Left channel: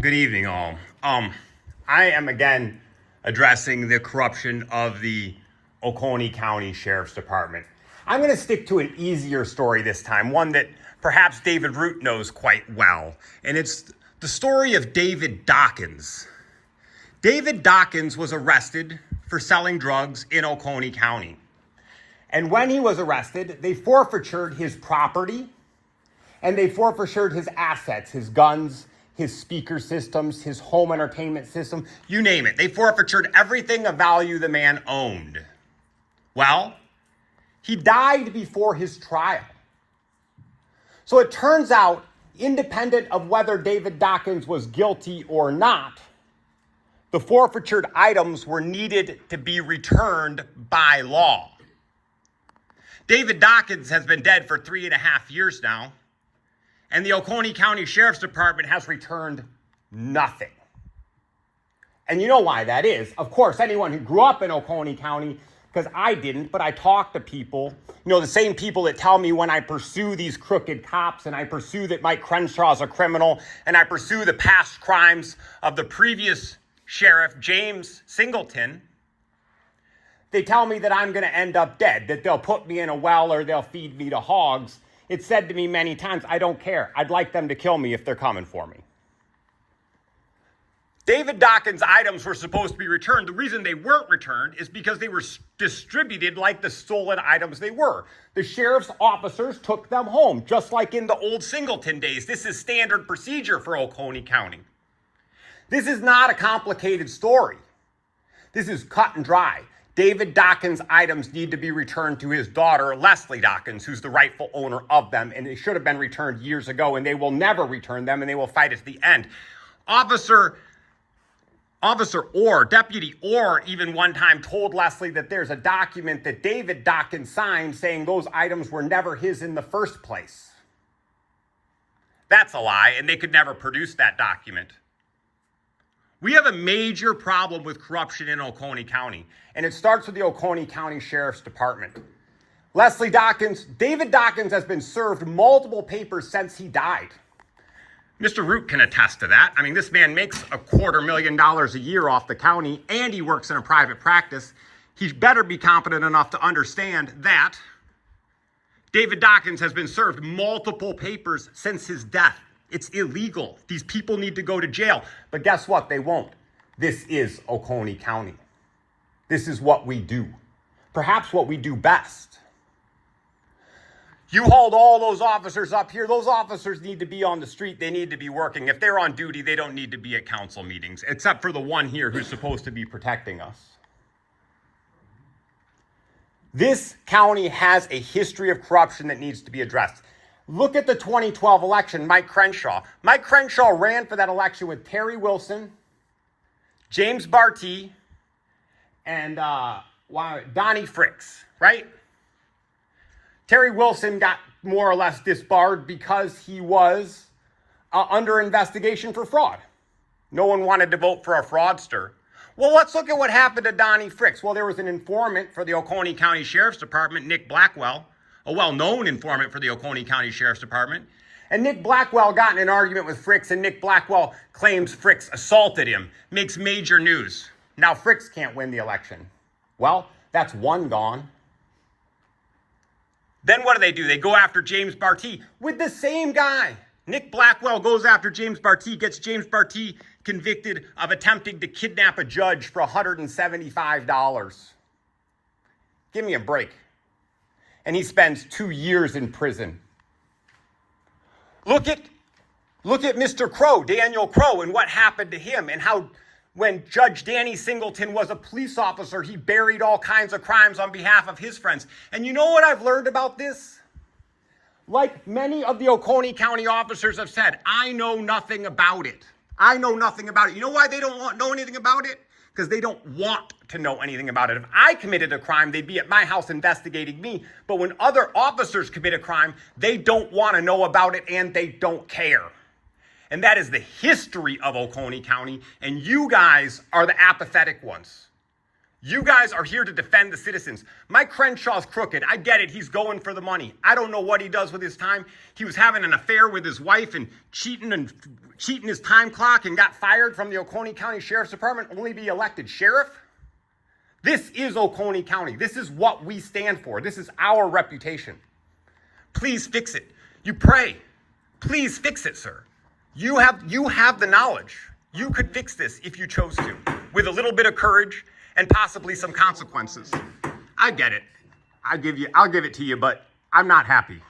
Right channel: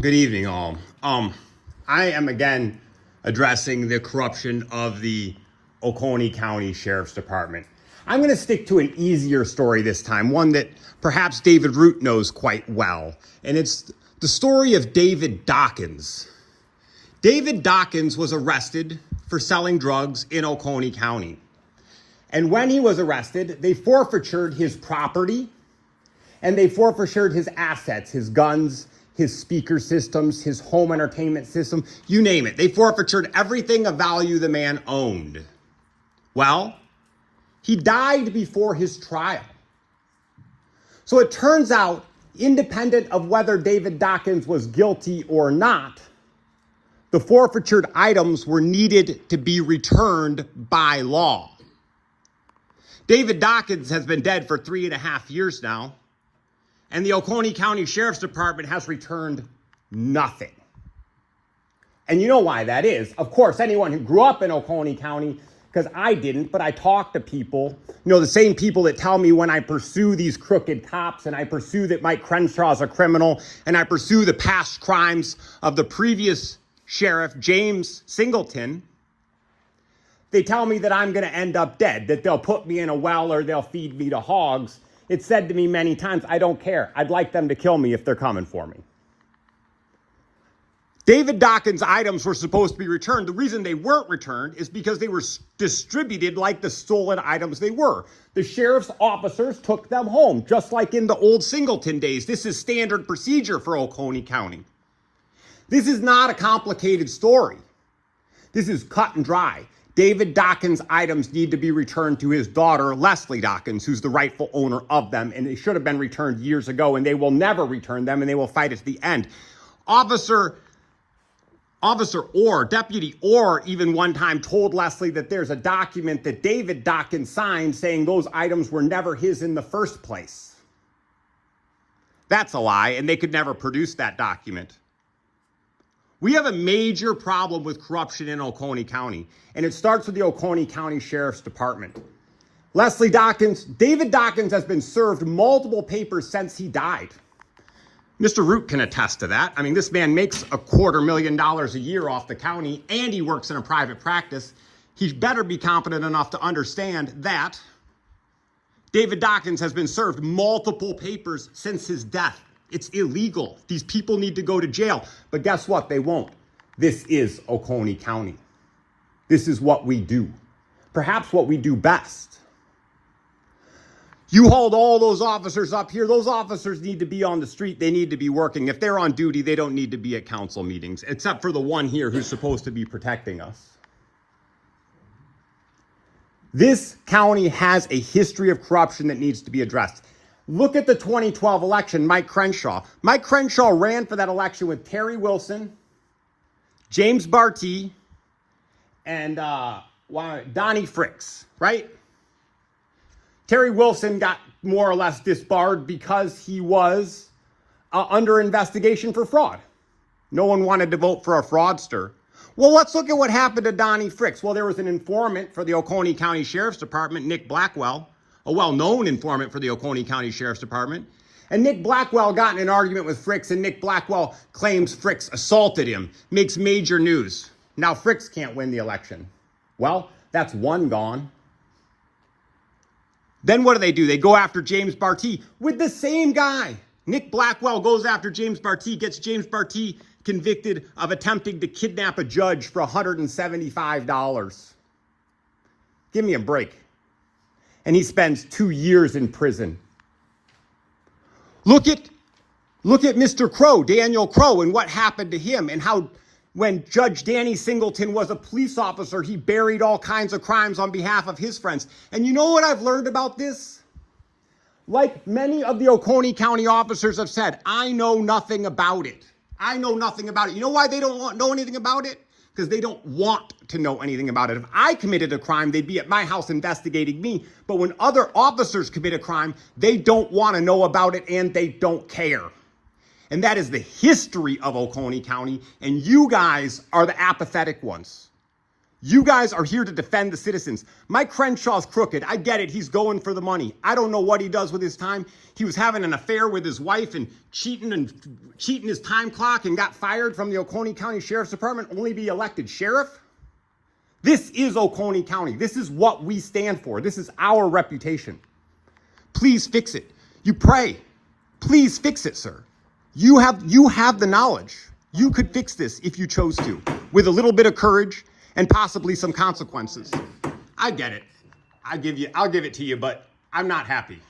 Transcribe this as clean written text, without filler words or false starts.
Good evening, all. I am again addressing the corruption of the Oconee County Sheriff's Department. I'm going to stick to an easier story this time, one that perhaps David Root knows quite well, and it's the story of David Dawkins. David Dawkins was arrested for selling drugs in Oconee County. And when he was arrested, they forfeited his property and they forfeited his assets, his guns, his speaker systems, his home entertainment system, you name it. They forfeited everything of value the man owned. Well, he died before his trial. So it turns out, independent of whether David Dawkins was guilty or not, the forfeited items were needed to be returned by law. David Dawkins has been dead for 3.5 years now, and the Oconee County Sheriff's Department has returned nothing. And you know why that is. Of course, anyone who grew up in Oconee County, because I didn't, but I talk to people, the same people that tell me when I pursue these crooked cops and I pursue that Mike Crenshaw is a criminal and I pursue the past crimes of the previous sheriff, James Singleton, they tell me that I'm going to end up dead, that they'll put me in a well or they'll feed me to hogs. It's said to me many times, I don't care. I'd like them to kill me if they're coming for me. David Dawkins' items were supposed to be returned. The reason they weren't returned is because they were distributed like the stolen items they were. The sheriff's officers took them home, just like in the old Singleton days. This is standard procedure for Oconee County. This is not a complicated story. This is cut and dry. David Dawkins' items need to be returned to his daughter, Leslie Dawkins, who's the rightful owner of them, and they should have been returned years ago, and they will never return them, and they will fight at the end. Deputy Orr even one time told Leslie that there's a document that David Dawkins signed saying those items were never his in the first place. That's a lie, and they could never produce that document. We have a major problem with corruption in Oconee County, and it starts with the Oconee County Sheriff's Department. David Dawkins has been served multiple papers since he died. Mr. Root can attest to that. I mean, this man makes $250,000 a year off the county, and he works in a private practice. He better be competent enough to understand that David Dawkins has been served multiple papers since his death. It's illegal. These people need to go to jail. But guess what? They won't. This is Oconee County. This is what we do. Perhaps what we do best. You hold all those officers up here. Those officers need to be on the street. They need to be working. If they're on duty, they don't need to be at council meetings, except for the one here who's supposed to be protecting us. This county has a history of corruption that needs to be addressed. Look at the 2012 election, Mike Crenshaw. Mike Crenshaw ran for that election with Terry Wilson, James Barty, and Donnie Fricks, right? Terry Wilson got more or less disbarred because he was under investigation for fraud. No one wanted to vote for a fraudster. Well, let's look at what happened to Donnie Fricks. Well, there was an informant for the Oconee County Sheriff's Department, Nick Blackwell, a well-known informant for the Oconee County Sheriff's Department. And Nick Blackwell got in an argument with Fricks, and Nick Blackwell claims Fricks assaulted him. Makes major news. Now Fricks can't win the election. Well, that's one gone. Then what do? They go after James Barty with the same guy. Nick Blackwell goes after James Barty, gets James Barty convicted of attempting to kidnap a judge for $175. Give me a break. And he spends 2 years in prison. Look at Mr. Crow, Daniel Crow, and what happened to him, and how when Judge Danny Singleton was a police officer, he buried all kinds of crimes on behalf of his friends. And you know what I've learned about this? Like many of the Oconee County officers have said, I know nothing about it. I know nothing about it. You know why they don't know anything about it? Because they don't want to know anything about it. If I committed a crime, they'd be at my house investigating me. But when other officers commit a crime, they don't want to know about it and they don't care. And that is the history of Oconee County, and you guys are the apathetic ones. You guys are here to defend the citizens. Mike Crenshaw's crooked. I get it. He's going for the money. I don't know what he does with his time. He was having an affair with his wife and cheating his time clock and got fired from the Oconee County Sheriff's Department, only be elected sheriff. This is Oconee County. This is what we stand for. This is our reputation. Please fix it. You pray. Please fix it, sir. You have the knowledge. You could fix this if you chose to, with a little bit of courage and possibly some consequences. I get it. I'll give it to you, but I'm not happy.